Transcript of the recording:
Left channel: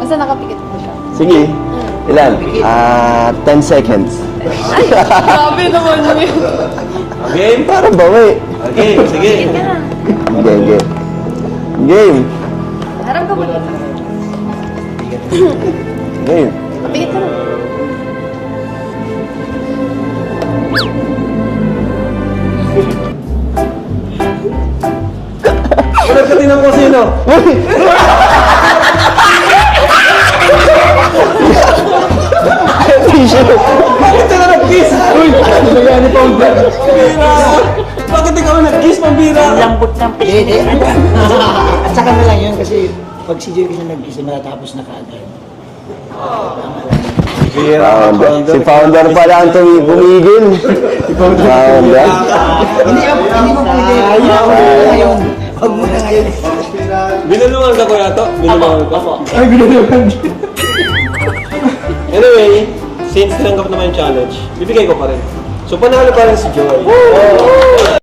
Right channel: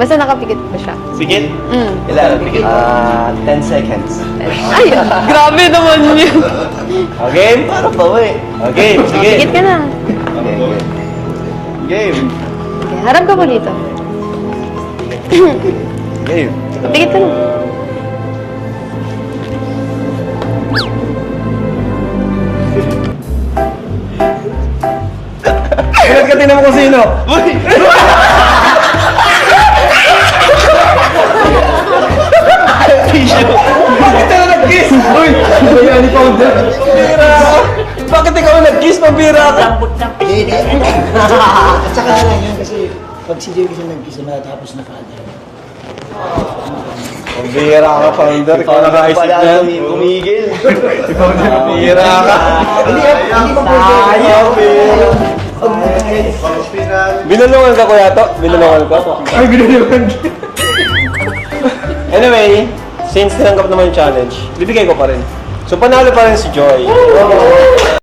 Basta nakapikit ko siya. Sige. Ilan? 10 seconds. Grabe naman yun. Okay? Parang bawi. Okay, sige. Pikit ka na. Okay, game. Game. Harap ka ko dito. Game. Pikit ka na. Ulit ka tinan mo kung sino. Ito na nag-kiss! Uy! Ano ba yan? Pounder? Bakit ikaw nag-kiss? Mabira ka! Lambot ng Hindi. At saka na lang yun kasi pag si Jerry kasi nag-isa matatapos na kaagad. Mabira ka, Pounder. Si Founder pala ang bumigil. Si Founder. Mabira ka. Hindi ba po Jerry? Huwag mo na ngayon. Binulungan ka, Kuya To? Binulungan ka? Ay, ginagawa. Anyway, since tinanggap naman yung challenge, bibigay ko pa rin. So, panalo pa rin si Joy.